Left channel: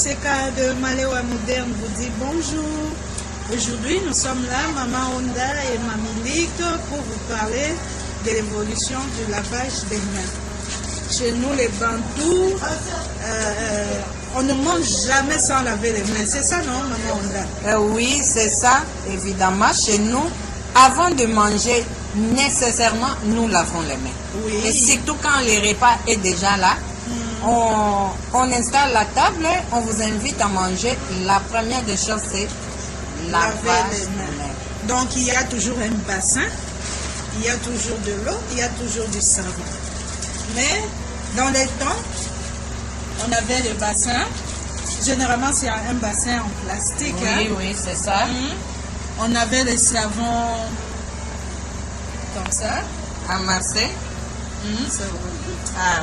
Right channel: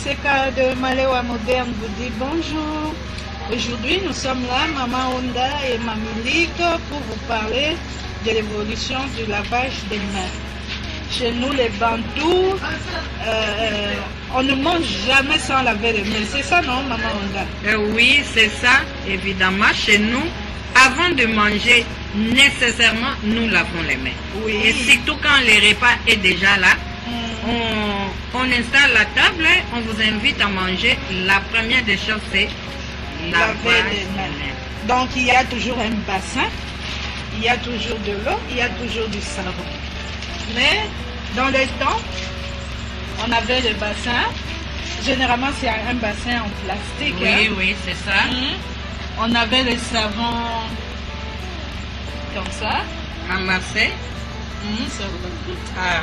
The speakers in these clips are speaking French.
Monseka de Malewa Moderne vous dit bonjour. Aujourd'hui, nous sommes là, Maman Honda et Mamie Ligue, pour vous parler de l'évolution du lavage des mains. Chez nous, les Bantous, on ne mange jamais sans laver les mains. C'est ça, non, Maman Honda? Oui, c'est ça, évidemment. Chez nous, avant de manger, nécessairement, nous lavons les mains. Oui. Et surtout quand le repas est déjà là, on installe la table, on vous invite à manger. La première des choses, c'est laver les mains. Donc, il y a toujours un bassin, il y a toujours de l'eau, il y a toujours du savon. Mais, dans le temps, on avait le bassin. Généralement, c'est un bassin en plastique. Oui, oui, c'est ça. On avait le savon comme ça. À Marseille. C'est vrai. Ah.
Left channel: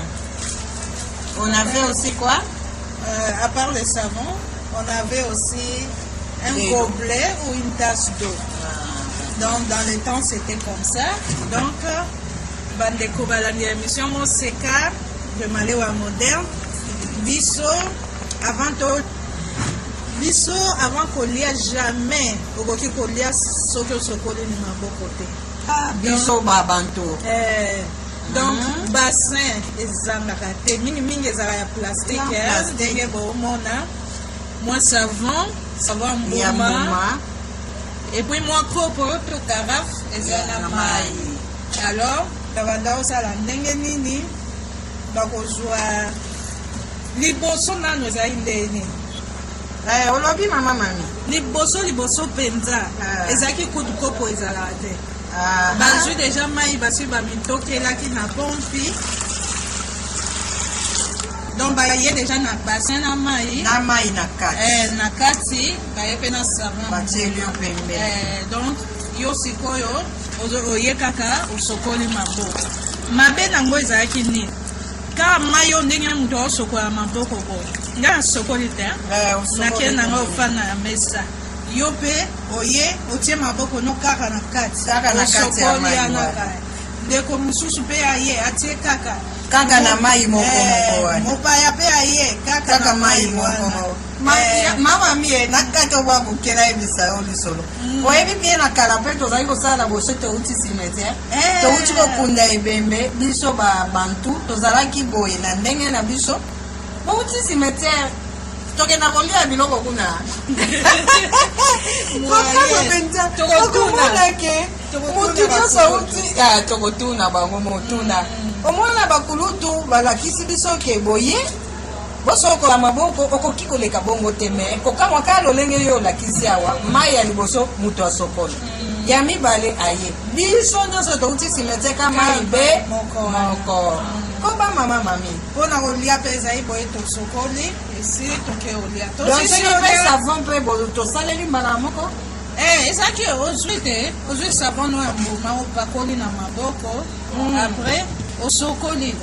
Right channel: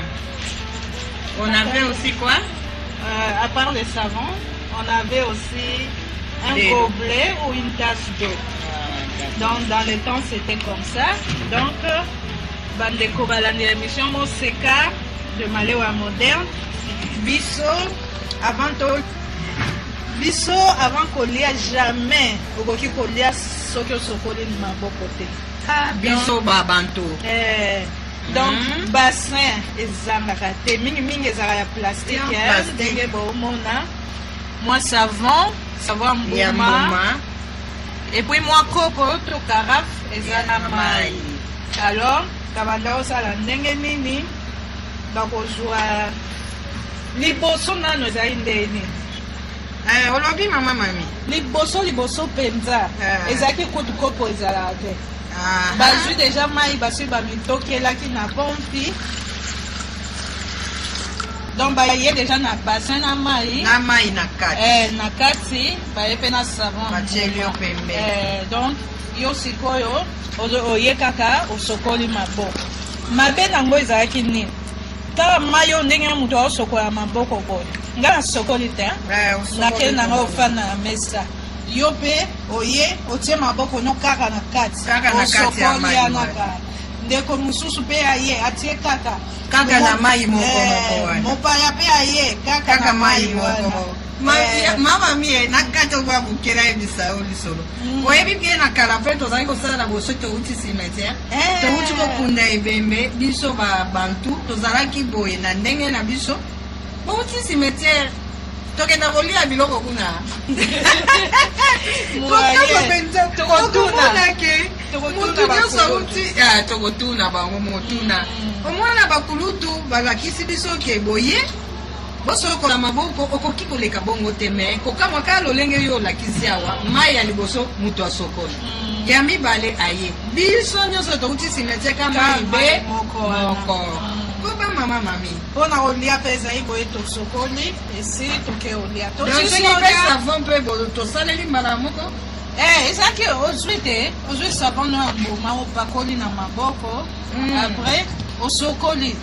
On avait aussi quoi? À part le savon, on avait aussi un gobelet ou une tasse d'eau. Donc, dans le temps, c'était comme ça. Donc, Bandeko Balani, l'émission Monseka de Malewa Moderne. Bisso, avant qu'on lit jamais, au qui qu'on lit ce que ce qu'on lit de ma bon côté. Bisso Babanto. Donc, bassin, ezangakate, mingi ezala ya plastique, ndenge bomona. Moi savon mbouma. Et puis moi kopo to carafe ezana mai. Alors, kabanda osala ndenge nini bakozwa liboso nano ezali ndeni. Olobi mama mami. Liboso penza. Ezaki kudu kopo ezala te. Bazui déjà mai basi ba mitokelaki na pompi. Donc ba yé déjà na bassin na mai na kati. Na kati ba yepe na savon. Ba tchelio pembe. Donc yo sikoyo oye kaka osokoli maboko. Mabe nango ezalaki nini? Ka mai yo ndenge mutu osokola maboko boye. Nga sokoli te. Na ke nango ofana mesa. Yo pe oye otie maboko no kaka na kati ya mai ndeko mususu pe aye atie kaka na mai moko wana mopaya pe aye kaka mai moko mama mie na kati oba bukela ebisa olisolo oyebi bien na kala pe tozali kosala boso touti cimetière touti kokunda ebembe biso babantu tozalaki boye na ndenge na biso bouti cimetière tokenda kolia biloko kuna tokotuna bango motuna omwana bakulutu balakisi biso ke boye bosokola maboko okoki koleka bongo te me kokamwa kaka lolenge yo olakisi awa mai ya liboso mutu asokola ya mibale aye biso nyonso touti simetieka mai be moko koba mama mami mpona kolia mpe ezali boye tosokoli esi toke olia soki mpe savon mpe tosaleli mbala moko ezalaki ozwi te ozwi savon no ya mbuma opakoli na maboko apres osokoli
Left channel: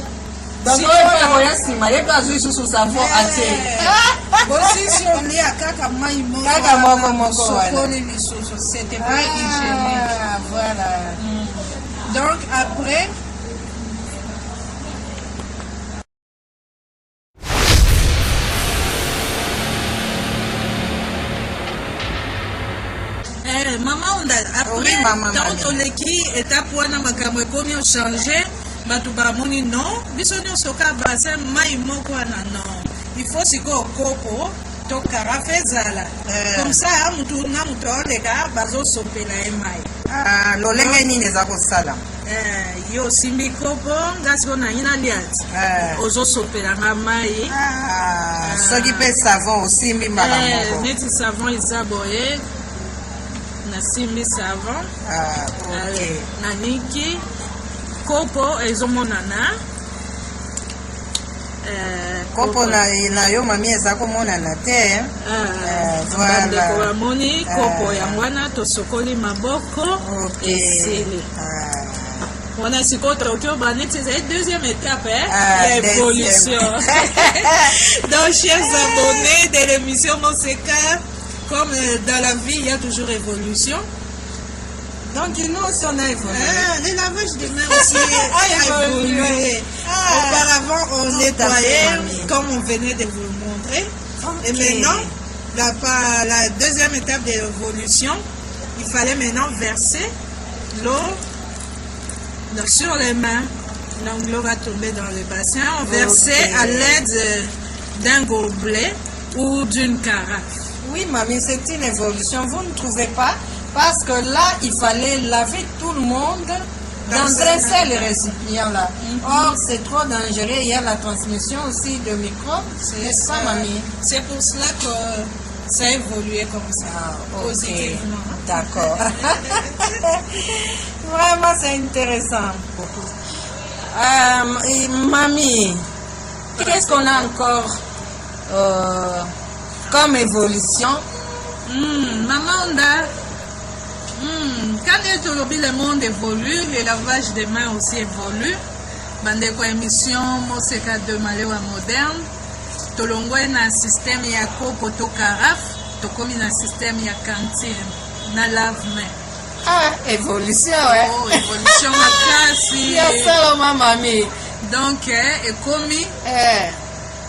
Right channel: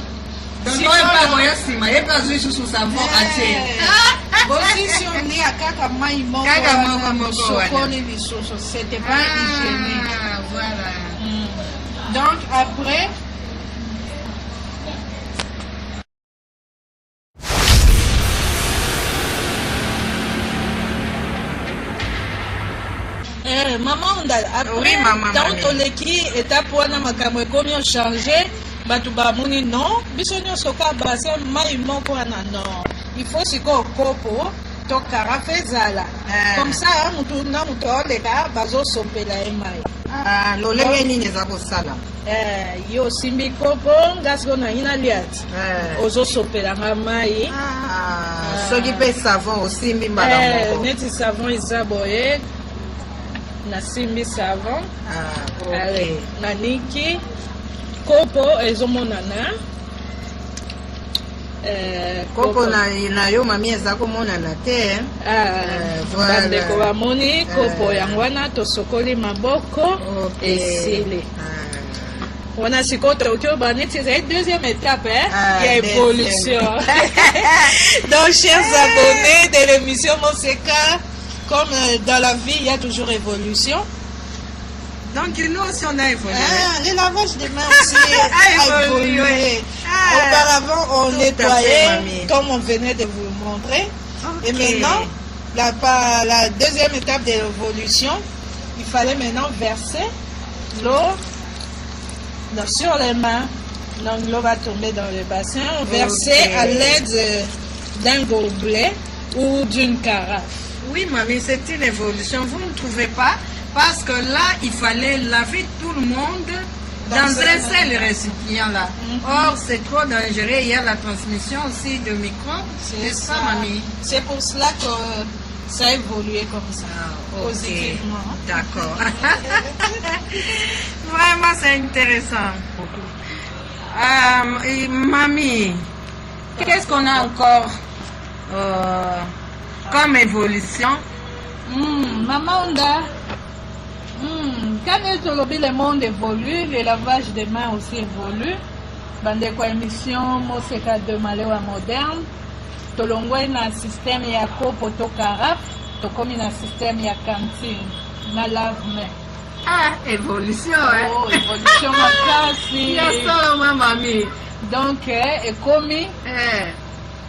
oyepakoya nsima ye mpe azwi susu savon atie bosisi olia kaka mai moko osokoli lisusu c'était pas hygiénique. Voilà. Donc après Maman Honda, après toleki étape wana makambo ekomi changer bato bamoni non biso nyonso ka bassin mai moko wana non il faut sikoyo kopo to carafe ezala comme ça mutu na mutu aoleka bazosopela ye mai lolenge nini eza kosala yo osimbi kopo nga sikoyo nangi nalia ti ozosopelanga mai soki mpe savon osimbi mbala moko neti savon eza boye nasimbi savon naniki kopo ezomonana kopo na yo mami eza komonana te bandeko bamoni kopo yango wana tosokoli maboko esili wana sikoyo toki oba neti ezali deuxième étape ya évolution. Donc chers abonnés de l'émission Monseka, comme dans la vie, il y a toujours évolution. Donc nous aussi on a évolué. Le lavage des mains aussi a évolué. Auparavant on nettoyait comme on venait de vous le montrer. Et maintenant, la deuxième étape de l'évolution, il fallait maintenant verser l'eau sur les mains. Donc l'eau va tomber dans le bassin. On versait à l'aide d'un gobelet ou d'une carafe. Oui, mamie, c'est une évolution. Vous ne trouvez pas? Parce que là, il fallait laver tout le monde dans un seul récipient là. Or, c'est trop dangereux. Il y a la transmission aussi de microbes. C'est ça, mamie. C'est pour cela que ça a évolué comme ça, positivement. D'accord. Vraiment, c'est intéressant. Mamie, qu'est-ce qu'on a encore comme évolution? Maman, quand le monde évolue, le lavage des mains aussi évolue. Bande kwa émission Moseka de Malewa moderne. Tolongwe na système ya kopo to carafe, tokomi na système ya cantine, na lave-main. Ah, évolution, hein? Oh, évolution makasi. Ya sala mamie. Donc, ekomi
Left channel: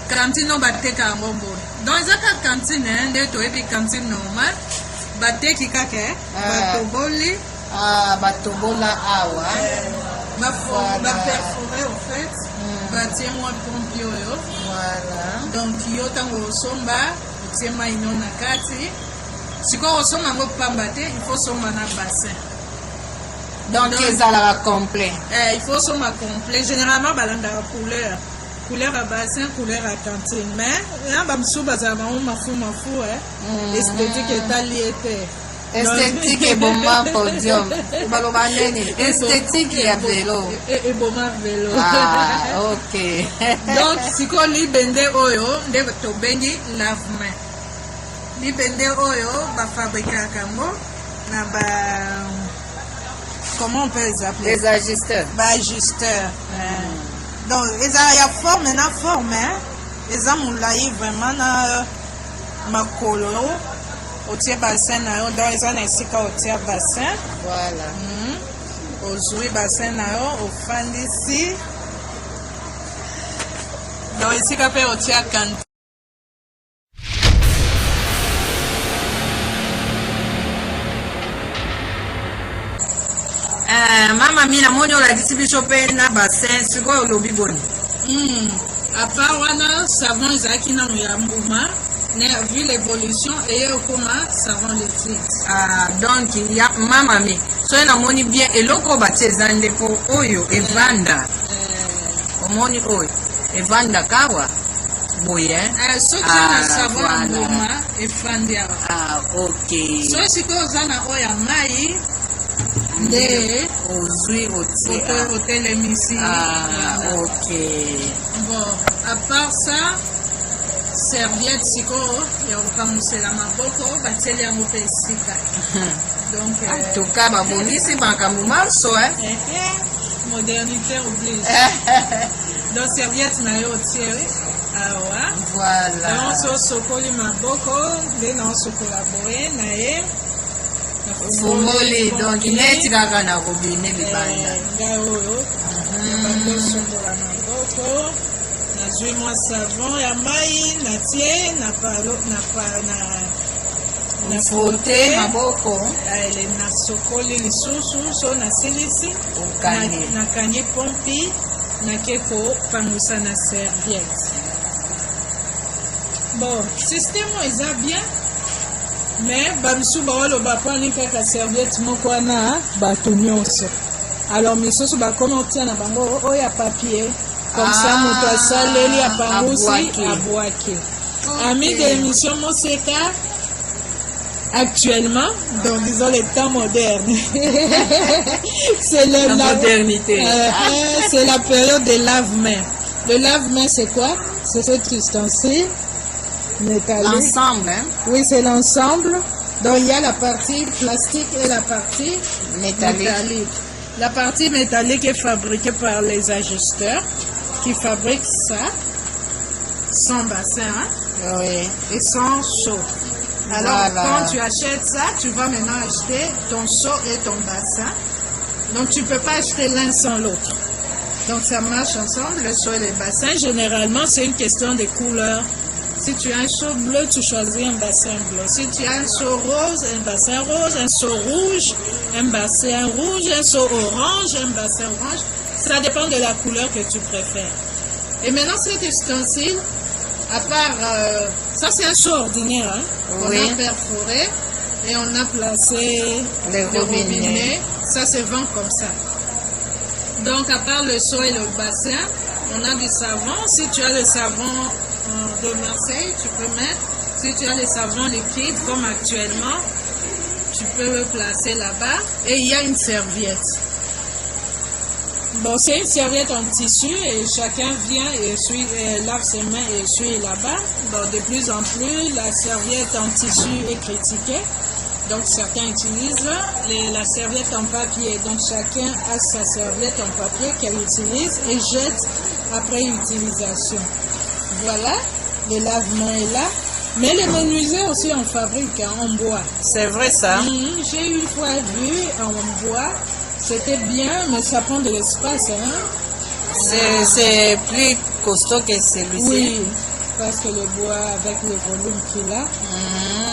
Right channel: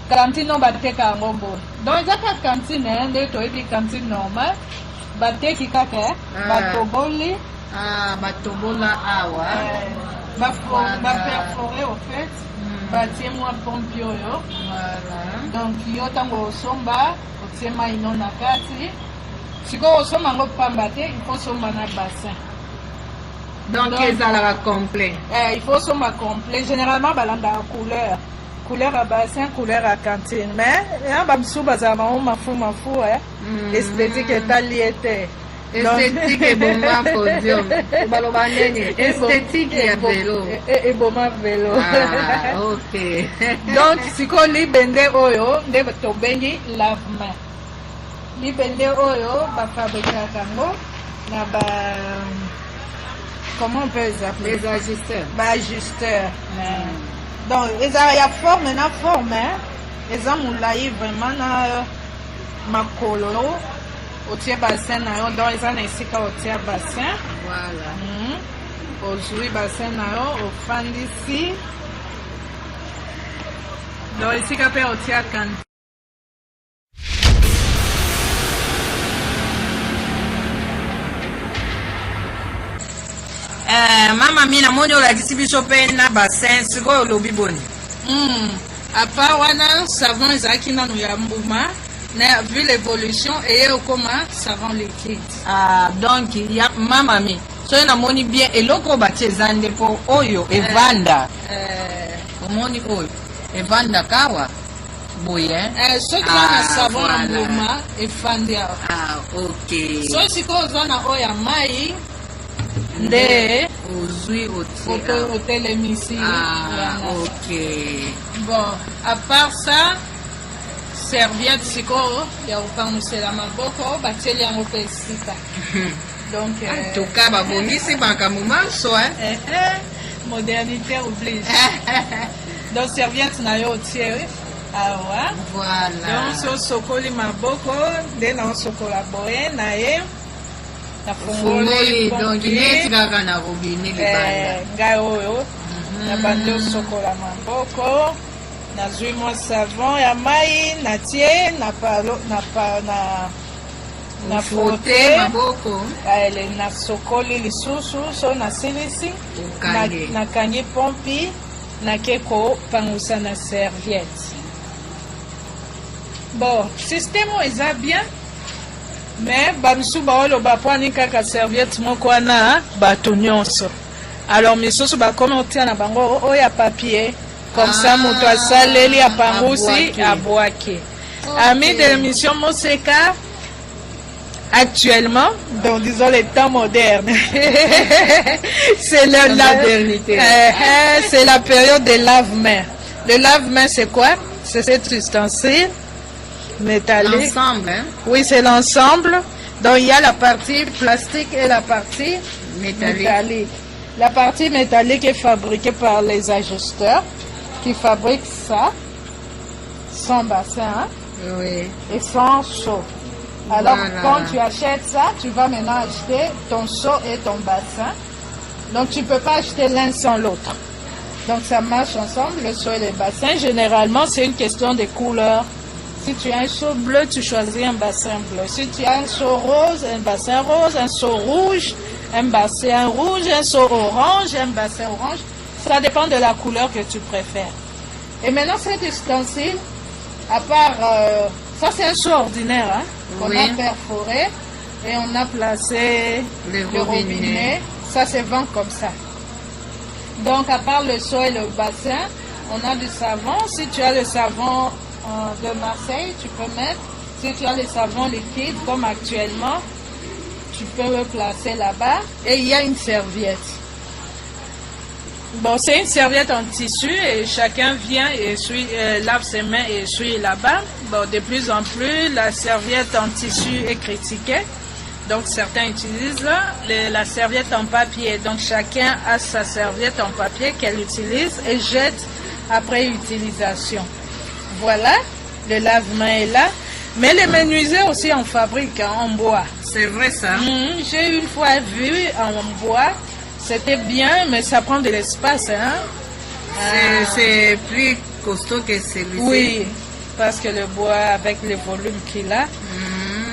cantine no bateka ngombo. Donc, ezaka cantine, nde toyebi cantine normal. Bateki kake, batoboli. Ah, batobola awa. Perforé au fait. Batie moi pompi oyo. Voilà. Donc, yo tango osomba, otie maino na kati. Siko osomba ngo pamba te, il faut somba na bassin. Donc, ezalaka complet. Il faut somba complet. Généralement, balanda couleur. Couleur à bassin, couleur à cantine. Mais, il y a un peu mafou, esthétique est alliée. Esthétique et bon podium. Esthétique et vélo. Et bon vélo. Ah, ok. Donc, si on lit bende oyo, de to bendi lave-main. Li bende oyo, ba fabriquer kango, na ba, comment on peut les appeler? Les ajusteurs. Ba ajusteurs. Donc, il y a forme, il y a forme, il y a moulaï vraiment na makolo. Au tiers bassin, donc ils ont ainsi qu'au tiers bassin. Voilà. Au jouer bassin, au fan d'ici. Donc ici, qu'après au tiers cantine. Mama mina moyo la kisibiso pe na bassin siko lobi boni. À part wana savon ezaki na mbuma. Vu l'évolution et comment savon liquide. Ah, donc il y a maman mi. So na moni bien eloko batie zande po oyo evanda. Omoni oyo evanda kawa boye. So na savon mbuma efandia. Ah, OK. So siko zana oya mai nde ozui otie. Hôtel émission. Ah, OK. Bon, à part ça, serviette siko ya ukamusela maboko bateli yango pe esika. Donc en tout cas babongisi bakamumaso hein. Modernité oblige. Donc serviette na yo tie awa. Voilà. Donc so sokoli maboko nde na sokola boye na ye. Fungoli donc neti kaka na robinet libanda. Ngai oyo. Na bando sokola maboko. Nazui moi savon ya mai natie na frotte maboko ele na sokoli lisusu so na silisi ukange na kangi pompi na keko pangusa na serviette. Bon, système eza bien, mais babisu baolo baponi kaka serviette moko wana bato nyonso. Alors misusu bakomi otia na bango oya papier. Comme ça, moto asaleli a pambusi a boake. Amis de l'émission Moseka, actuellement, donc disons les temps modernes, c'est la modernité. C'est la période des lave-mains. Le lave-mains, c'est quoi? C'est cet ustensile métallique. L'ensemble, hein? Oui, c'est l'ensemble. Donc il y a la partie plastique et la partie métallique. La partie métallique est fabriquée par les ajusteurs qui fabriquent ça, sans bassin oui. Et sans seau. Alors voilà. Quand tu achètes ça, tu vas maintenant acheter ton seau et ton bassin. Donc tu ne peux pas acheter l'un sans l'autre. Donc ça marche ensemble, le seau et le bassin. Généralement, c'est une question de couleur. Si tu as un seau bleu, tu choisis un bassin bleu. Si tu as un seau rose, un bassin rose, un seau rouge, un bassin rouge, un seau orange, un bassin orange. Ça dépend de la couleur que tu préfères. Et maintenant, cet ustensile, à part... ça, c'est un seau ordinaire. Hein, oui. On a perforé et on a placé les robinets. Ça se vend comme ça. Donc, à part le seau et le bassin, on a du savon. Si tu as le savon de Marseille, tu peux mettre. Si tu as le savon liquide, comme actuellement, tu peux le placer là-bas. Et il y a une serviette. Bon, c'est une serviette en tissu et chacun vient et lave ses mains et essuie là-bas. Bon, de plus en plus, la serviette en tissu est critiquée. Donc, certains utilisent la serviette en papier. Donc, chacun a sa serviette en papier qu'elle utilise et jette après utilisation. Voilà, le lave-main est là. Mais les menuisiers aussi en fabrique, hein, en bois. C'est vrai ça? J'ai une fois vu en bois. C'était bien, mais ça prend de l'espace. Hein? C'est plus costaud que celui-ci. Oui, parce que le bois, avec les volumes qu'il a.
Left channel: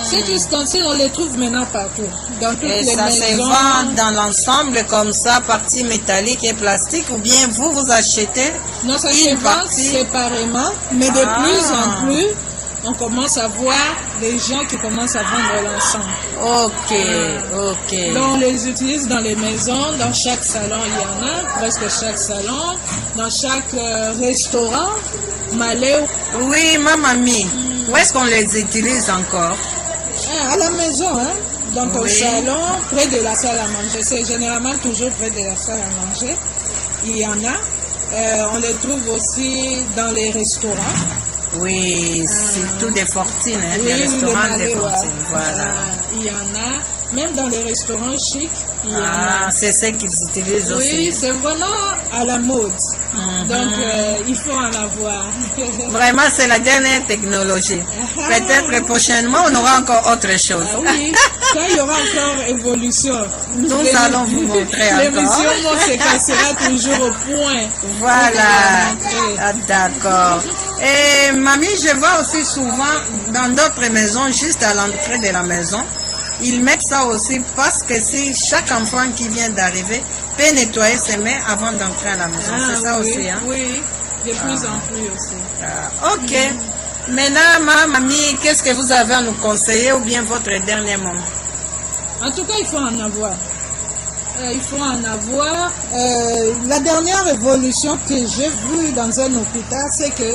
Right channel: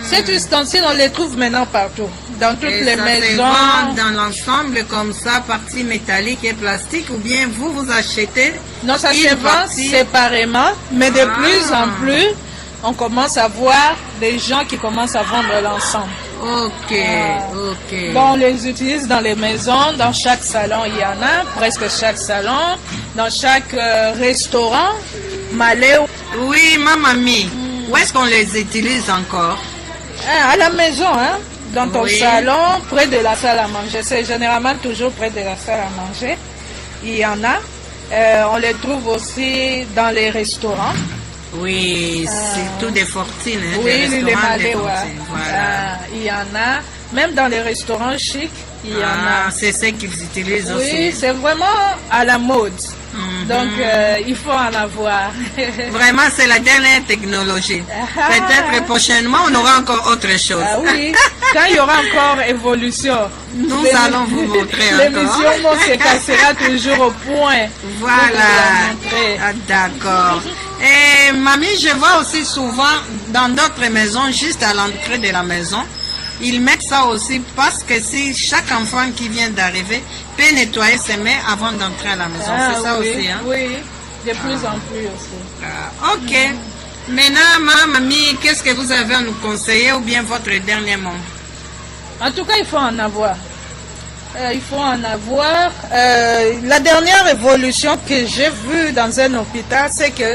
Cet ustensile, on les trouve maintenant partout. Dans toutes les maisons. Ça se vend dans l'ensemble comme ça, partie métallique et plastique, ou bien vous achetez non, ça se vend séparément, mais de plus en plus, on commence à voir des gens qui commencent à vendre l'ensemble. Ok. Donc, on les utilise dans les maisons, dans chaque salon, il y en a, presque chaque salon, dans chaque restaurant, malais. Oui, ma mamie, où est-ce qu'on les utilise encore? À la maison, hein. Donc, au salon, près de la salle à manger. C'est généralement toujours près de la salle à manger. Il y en a. On les trouve aussi dans les restaurants. Oui, surtout des fortines, hein, des restaurants des fortines. Voilà. Il y en a, même dans les restaurants chics, il y en a. C'est ce qu'ils utilisent aussi. Oui, c'est vraiment à la mode. Donc, il faut en avoir. Vraiment, c'est la dernière technologie. Peut-être prochainement, on aura encore autre chose. Oui, quand il y aura encore évolution. Nous allons vous montrer encore. L'émission sera toujours au point. Voilà. D'accord. Et mamie, je vois aussi souvent dans d'autres maisons, juste à l'entrée de la maison, ils mettent ça aussi parce que si chaque enfant qui vient d'arriver peut nettoyer ses mains avant d'entrer à la maison. C'est ça aussi, hein? Oui, de plus en plus aussi. Ok. Maintenant, mamie, qu'est-ce que vous avez à nous conseiller ou bien votre dernier mot? En tout cas, il faut en avoir. Il faut en avoir. La dernière évolution que j'ai vue dans un hôpital, c'est que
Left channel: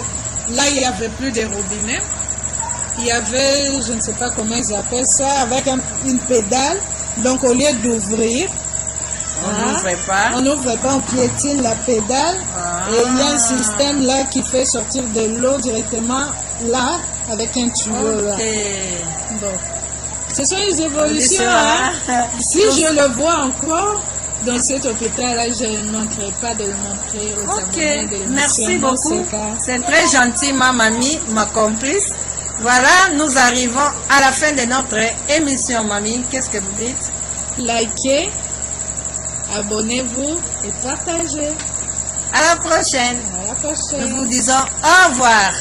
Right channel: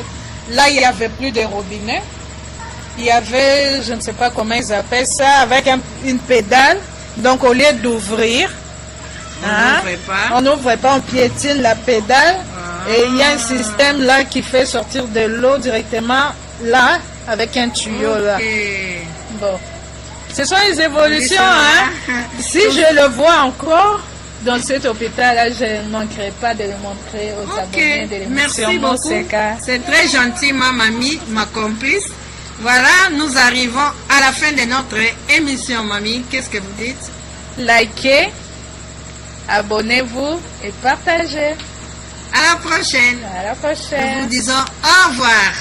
là, il n'y avait plus de robinets. Il y avait, je ne sais pas comment ils appellent ça, avec une pédale. Donc, au lieu d'ouvrir, on n'ouvrait pas, on piétine la pédale. Et il y a un système là qui fait sortir de l'eau directement là, avec un tuyau là. Bon. Ce sont les évolutions. Si je le vois encore dans cet hôpital-là, je ne manquerai pas de le montrer aux abonnés de l'émission. Merci beaucoup. C'est très gentil, ma mamie, ma complice. Voilà, nous arrivons à la fin de notre émission, mamie. Qu'est-ce que vous dites? Likez, abonnez-vous et partagez. À la prochaine. À la prochaine. Nous vous disons au revoir.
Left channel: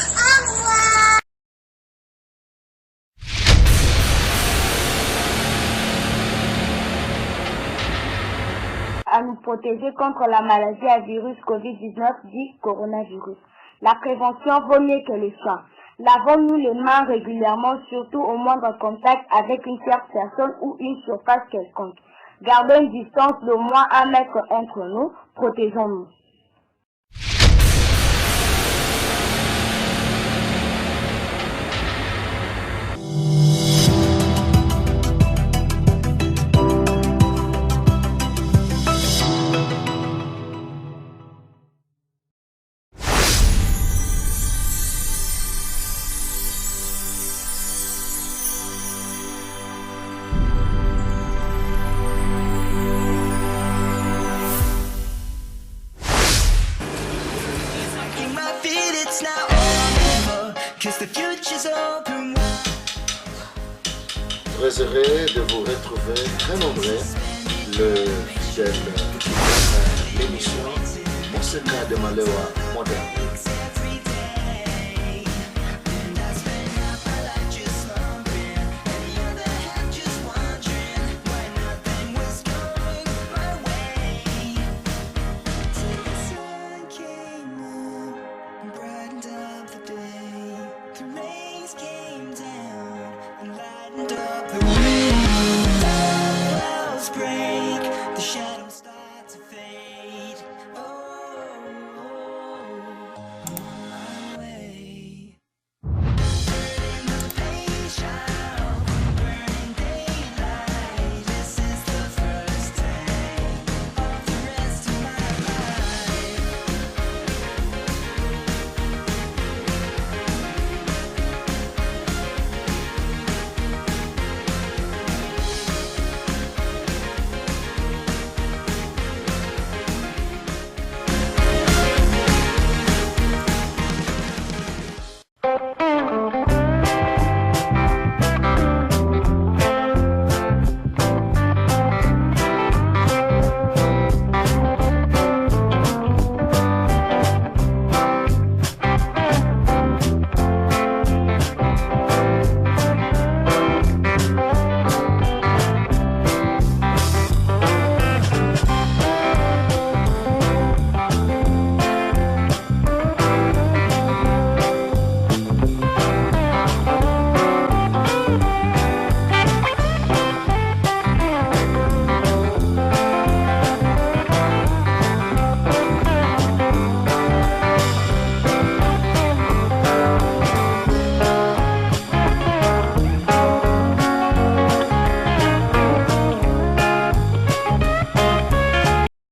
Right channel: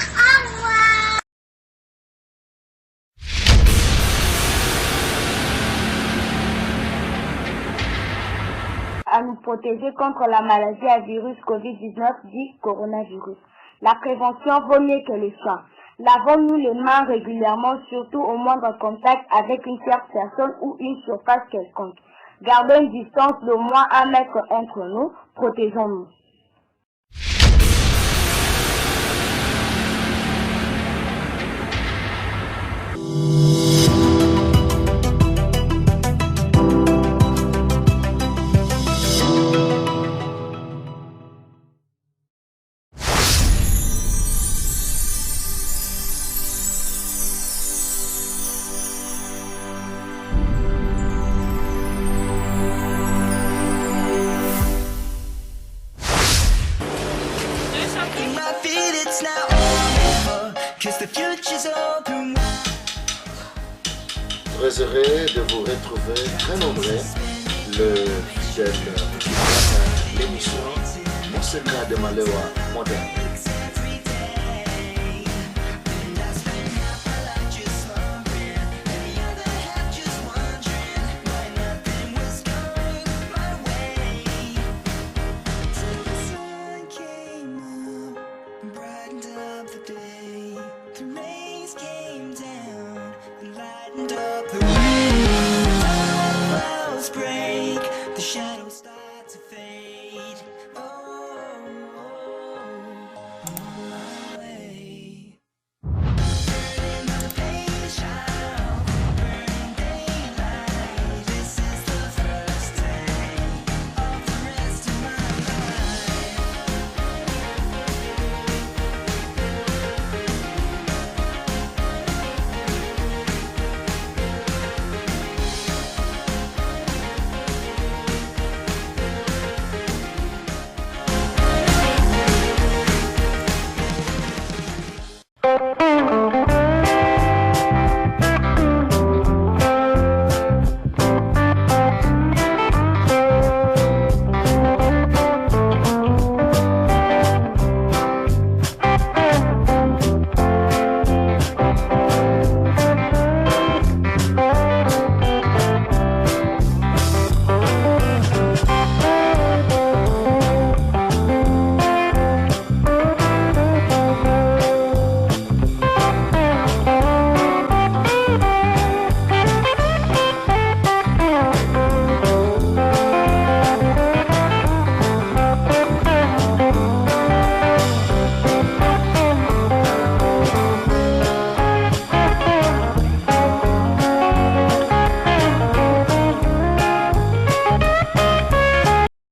À nous protéger contre la maladie à virus Covid-19 dit coronavirus. La prévention vaut mieux que les soins. Lavons-nous les mains régulièrement, surtout au moindre contact avec une tierce personne ou une surface quelconque. Gardons une distance d'au moins 1 mètre entre nous. Protégeons-nous. Très heureux de vous retrouver très nombreux, le fidèle l'émission Monseka de Malewa moderne. break, the shadows